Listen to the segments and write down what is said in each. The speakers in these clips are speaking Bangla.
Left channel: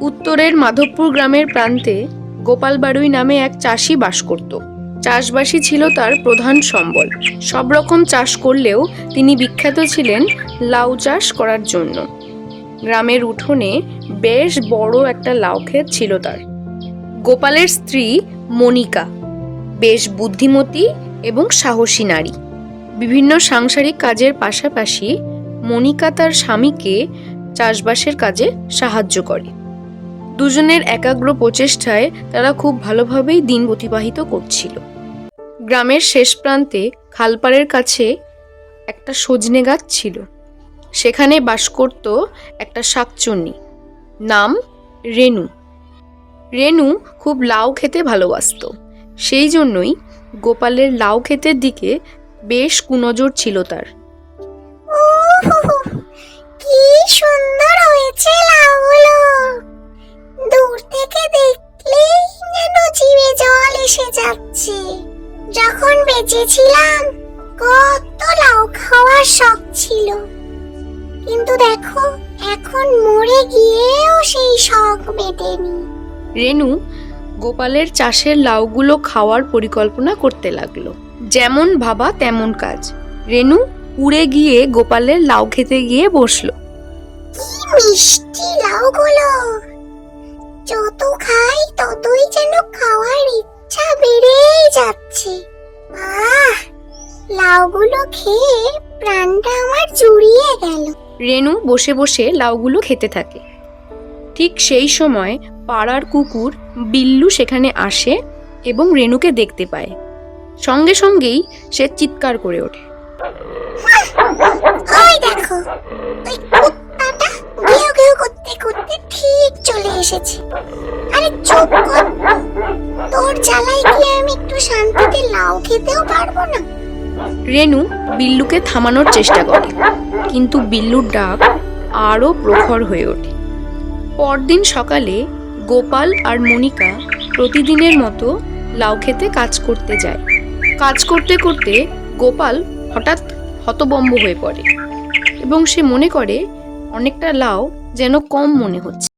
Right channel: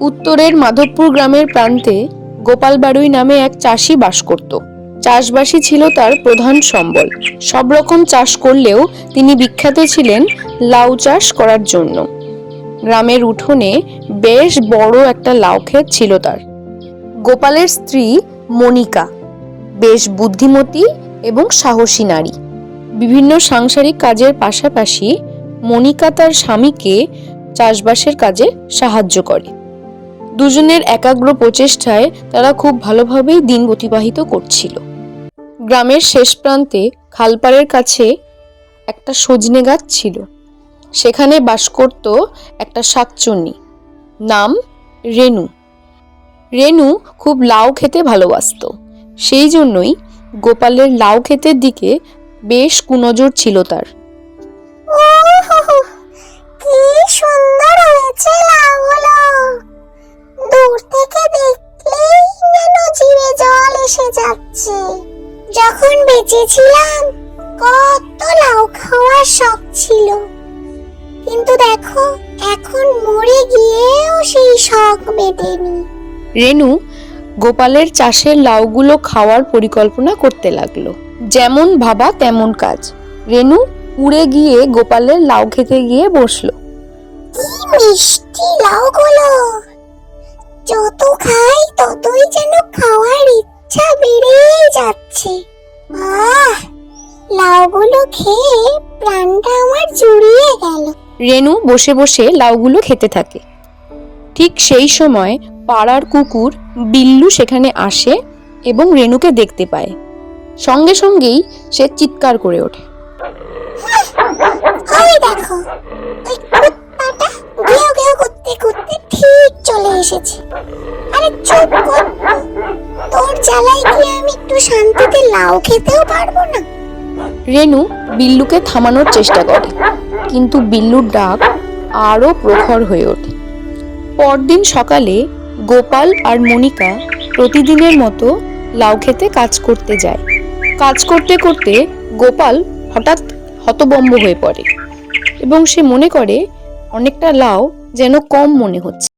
উত্তরের মাধবপুর গ্রামের প্রান্তে গোপাল বাড়ুই নামে এক চাষি বাস করত। চাষবাসই ছিল তার প্রধান সম্বল। সব রকম চাষ করলেও তিনি বিখ্যাত ছিলেন লাউ চাষ করার জন্য। গ্রামের উঠোনে বেশ বড় একটা লাউ ক্ষেত ছিল তার। গোপালের স্ত্রী মনিকা বেশ বুদ্ধিমতী এবং সাহসী নারী। বিভিন্ন সাংসারিক কাজের পাশাপাশি মনিকা তার স্বামীকে চাষবাসের কাজে সাহায্য করে। দুজনের একাগ্র প্রচেষ্টায় তারা খুব ভালোভাবেই দিন অতিবাহিত করছিল। গ্রামের শেষ প্রান্তে খালপাড়ের কাছে একটা সজনে গাছ ছিল। সেখানে বাস করত একটা শাকচুন্নি, নাম রেনু। রেনু খুব লাউ খেতে ভালোবাসত। সেই জন্যই গোপালের লাউ ক্ষেতের দিকে বেশ কুনজর ছিল তার। কি সুন্দর হয়েছে লাউগুলো, দূর থেকে দেখলেই যেন জিভে জল এসে যাচ্ছে। যখন বেঁচে ছিলাম কত লাউ খাওয়ার শখ ছিল, কিন্তু দেখো এখন মরে গিয়েও সেই শখ মেটেনি। রেনু গোপালের চাষের লাউগুলো খাওয়ার পরিকল্পনা করতে লাগলো। যেমন ভাবা তেমন কাজ। রেনু উড়ে গিয়ে গোপালের লাউ খেতে গিয়ে বসলো। কি মিষ্টি লাউগুলো, যত খাই ততই যেন খাওয়ার ইচ্ছা বেড়েই যাচ্ছে। লাউগুলো খেয়ে প্রাণটা আমার জুড়িয়ে গেল। রেনু বসে বসে লাউগুলো খেতে থাকে। ঠিক সেই সময় পাড়ার কুকুর বিল্লু সেখানে আসে এবং রেনুকে দেখতে পায়। সঙ্গে সঙ্গেই সে চিৎকার করে ওঠে। ওই দেখো, ওই কুত্তাটা ঘেউ ঘেউ করতে করতে ঠিক চলে এসেছে। আরে চুপ কর, তোর জ্বালায় কি আমি একটু শান্তিতে লাউ খেতেও পারবো না? রেনু বিল্লুকে থামানোর চেষ্টা করে, কিন্তু বিল্লুর ডাক আরো প্রখর হয়ে ওঠে। পরদিন সকালে গোপাল আর মনিকা প্রতিদিনের মতো লাউ খেতে কাজ করতে যায়। কাজ করতে করতে গোপাল হঠাৎ হতভম্ব হয়ে পড়ে এবং সে মনে করে অনেকটা লাউ যেন কম মনে হচ্ছে।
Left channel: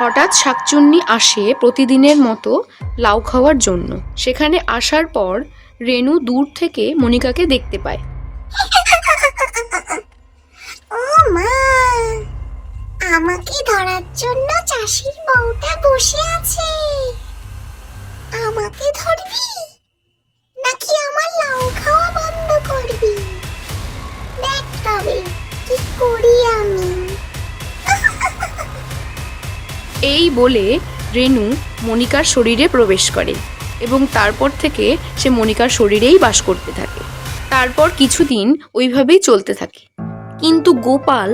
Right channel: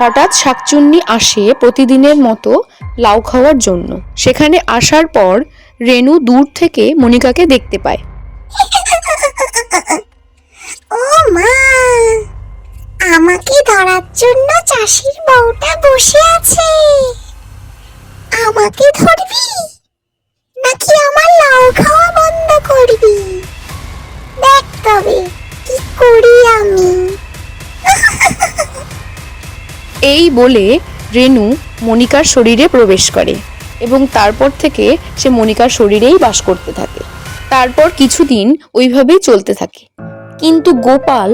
হঠাৎ শাকচুন্নি আসে প্রতিদিনের মতো লাউ খাওয়ার জন্য। সেখানে আসার পর রেনু দূর থেকে মনিকাকে দেখতে পায়। ও মা, আমাকে ধরার জন্য চাষির বউটা বসে আছে। আমাকে ধরবি নাকি আমার লাউ খাওয়া বন্ধ করবি? দেখ তবে কি করি আমি। এই বলে রেনু মনিকার শরীরে প্রবেশ করে। এবং তারপর থেকে সে মনিকার শরীরেই বাস করতে থাকে। তারপর কিছুদিন ওইভাবেই চলতে থাকে, কিন্তু গোপাল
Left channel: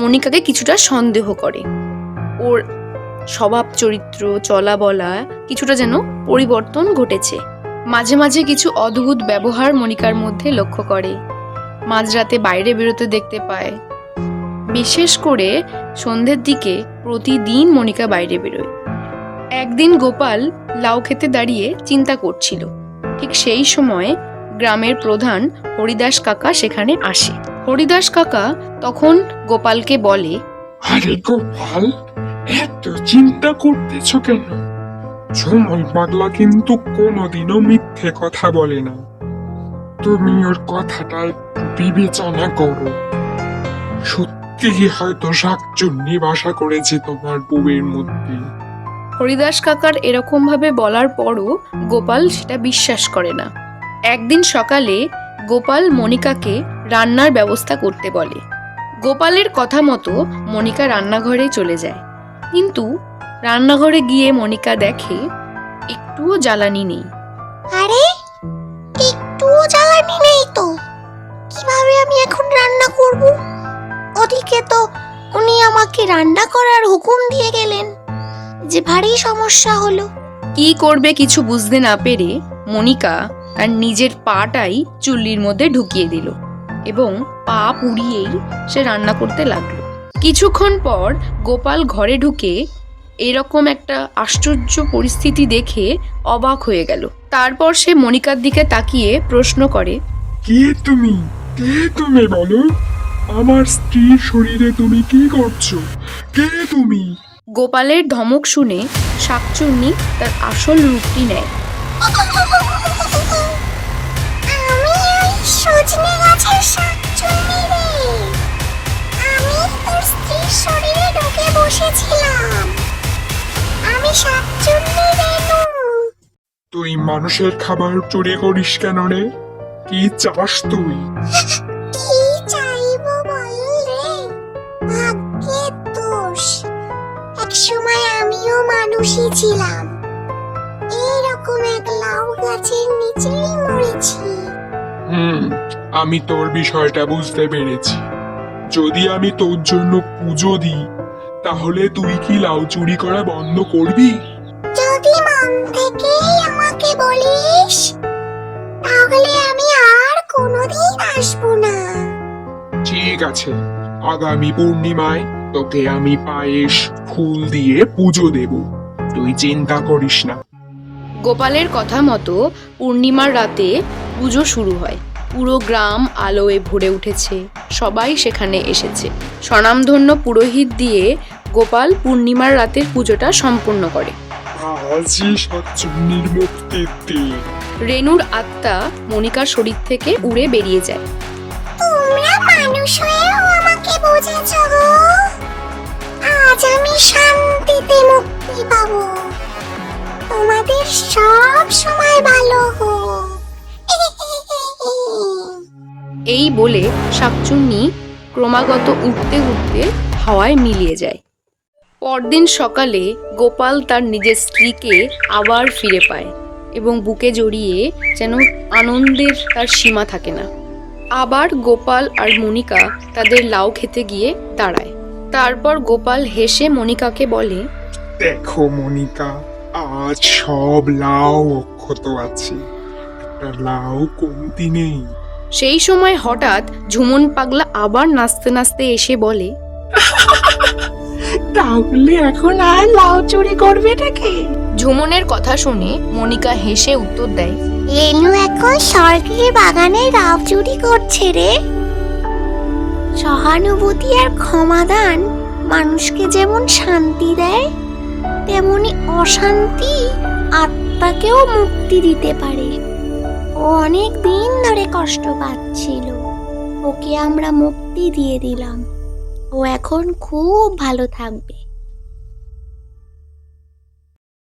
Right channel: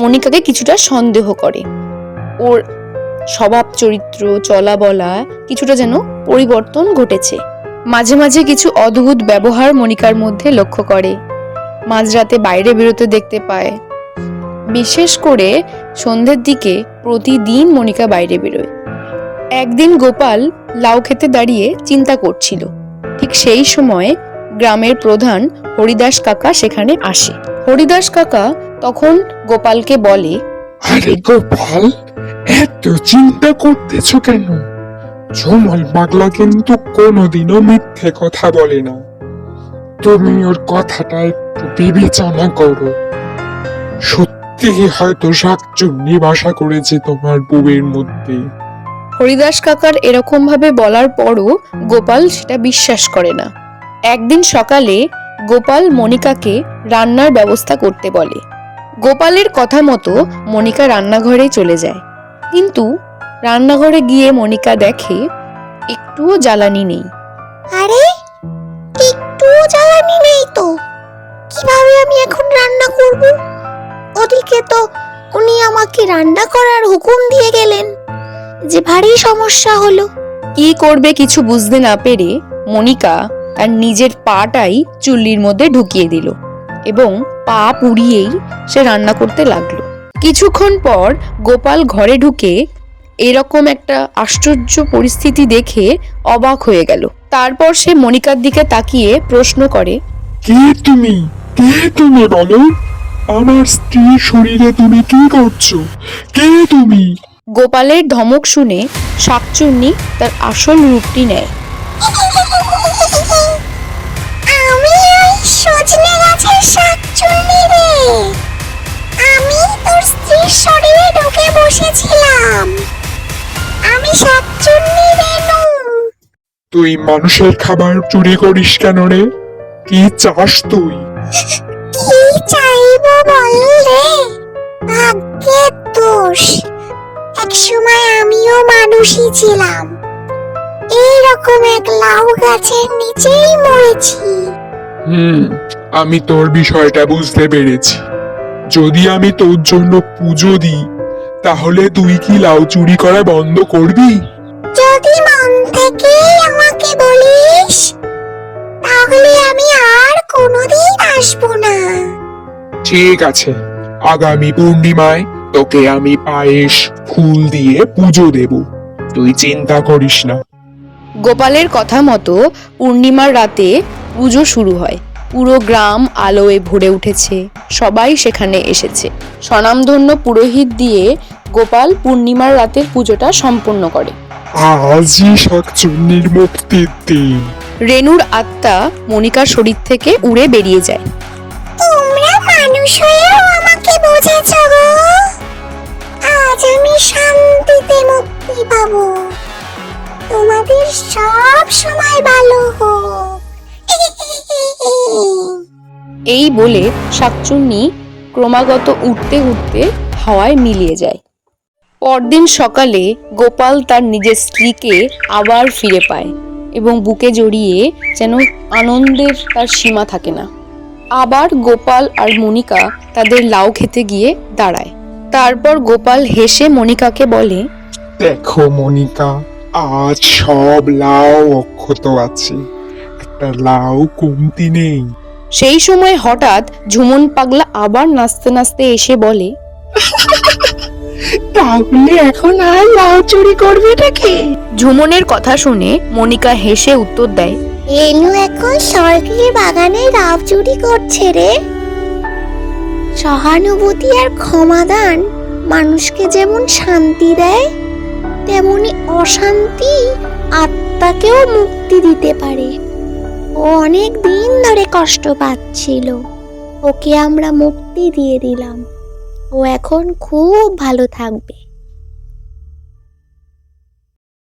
মনিকাকে কিছুটা সন্দেহ করে। ওর স্বভাব চরিত্র চলা বলা কিছুটা যেন পরিবর্তন ঘটেছে। মাঝে মাঝে কিছু অদ্ভুত ব্যবহার মনিকার মধ্যে লক্ষ্য করে। মাঝরাতে বাইরে বেরোতে দেখতে পায়। বিশেষ করে সন্ধ্যের দিকে প্রতিদিন মনিকা বাইরে বেরোয়। একদিন গোপাল লাউ খেতে দাঁড়িয়ে চিন্তা করছিল। ঠিক সেই সময় গ্রামের প্রধান হরিদাস কাকা সেখানে আসে। হরিদাস কাকা তখন গোপালকে বলে, আরে গোপাল, এত চিন্তা করতেছ কেন? ঝুমল পাগলা কিন্তু কোনোদিনও মিথ্যে কথা বলে না। তুমি ওর কথাটা একটু বিবেচনা করো। সত্যি হয়তো শাকচুন্নি বাসা করেছে তোমার বউয়ের মধ্যে। হরিদাস কাকার এরকম ভাবে বলার পরও গোপাল সেটা বিশ্বাস করে না। একদিন সকালে গোপাল মনিকাকে রান্নার ব্যবস্থা করতে বলে। গোপালের কথা মতো মনিকা রান্নাঘরে চলে যায়, কিন্তু রান্নাঘরে গিয়ে মনিকা দেখে একটুও জ্বালানি নেই। আরে, একটু জ্বালানি নেই তো, কিভাবে আমি এখন রান্না করব? ওদিকে তো উনি আমাকে রান্না করার হুকুম দিয়ে গেলেন, যে ভারী সমস্যা হলো। কি করবে কিছু বুঝতে না পেরে মনিকা তার নিজের পাটাই চুল্লির মধ্যে ঢুকিয়ে দিল এবং পা পুড়িয়েই সে রান্না করতে লাগলো। কিছুক্ষণ পর গোপাল ঘরে ঢুকে এরকম একটা আশ্চর্য পরিস্থিতি দেখে অবাক হয়ে গেল। তারপর সে মনিকার দিকে তাকিয়ে প্রশ্ন করে, কে তুমি? কে তুমি বলো? আমার স্ত্রীর শরীরে তুমি কি করছো? কে তুমি? গোপালের ধমক শুনে শাকচুন্নি তার আসল রূপটি নেয়। আমি ওই সজনে গাছের শাকচুন্নি রে। আমি তোর স্ত্রীর শরীরে ঢুকে বসেছিলাম। আমি শাকচুন্নি রেনু। তুই মানুষের খাবার চুরি করিস কেন রে? কি চাস তুই? কি চাইবো বল রে? ভাগ্যের দোষ। এক সময় আমিও মানুষই ছিলাম। এইরকম এক লাউ গাছের নিচেই মরেছি। আমি তোর বিষয়টা বুঝতে পেরেছি। যদি আমি তোর জন্য পুজো দিই, তাহলে তুই কি লাউ চুরি করা বন্ধ করবি? যদি মন থেকে আমাকে বলিস, তাহলে আমি আর কোনোদিন আসবো না। ঠিক আছে, আগামী পূর্ণিমায় তোকে আমি পায়েস ফুল দিয়ে পুজো দেব। তুই চিন্তা করিস না। গোপালের কথা মতো পূর্ণিমার রাতে পুজো শুরু হয়। পুরো গ্রাম আলোয় ভরে উঠেছে, সবাই সেখানে এসেছে। স্বনামধন্য পুরোহিত দিয়ে গোপাল পূর্ণিমার রাতের পুজোটা সম্পূর্ণ করে। আজই শাকচুন্নির মুক্তির দিন। রেনুর আত্মা মনিকার শরীর থেকে উড়ে বেরিয়ে যায়। তোমরা মানুষ হয়েও আমাকে বুঝেছ গো। আজ আমি শান্তিতে মুক্তি পাবো। তোমাদের সব সময় ভালো হোক। এই বলে শাকচুন্নি ক্রমাগত উঠতে উঠতে হাওয়ায় মিলিয়ে যায়। পরদিন সকালে গোপাল তার নিজের স্ত্রীকে আবার ফিরে পায় এবং বুকে জড়িয়ে যেন আনন্দের তার সীমা থাকে না। আবার গোপাল আর মনিকা তাদের লাউ খেতে গিয়ে দাঁড়ায়। তারপর গোপাল হেসে মনিকাকে বলে, দেখো মনিকা, আজ সব লাউ অক্ষত আছে, একটা লাউ কমতি নেই। সেই সময় হঠাৎ ঝুমন পাগলা আবার নাচতে নাচতে এসে বলে, তাহলে এখন আর লাউ চুরি করবে নাকি? ঝুমনের কথা শুনে মনিকা হেসে উত্তর দেয়, রেনু এখন সরকারি বাগানে লাউ চুরি করছে রে। সহানুভূতি আর ক্ষমাদান মানুষকে যেমন শান্তি দেয়, তেমনি অশান্তি আত্মাকেও মুক্তি দিতে পারে। ও অনেক দিন ধরে কষ্ট পাচ্ছিল, ওকে আমরা মুক্তি দিয়ে দিলাম। ও এখন খুব ভালো থাকবে।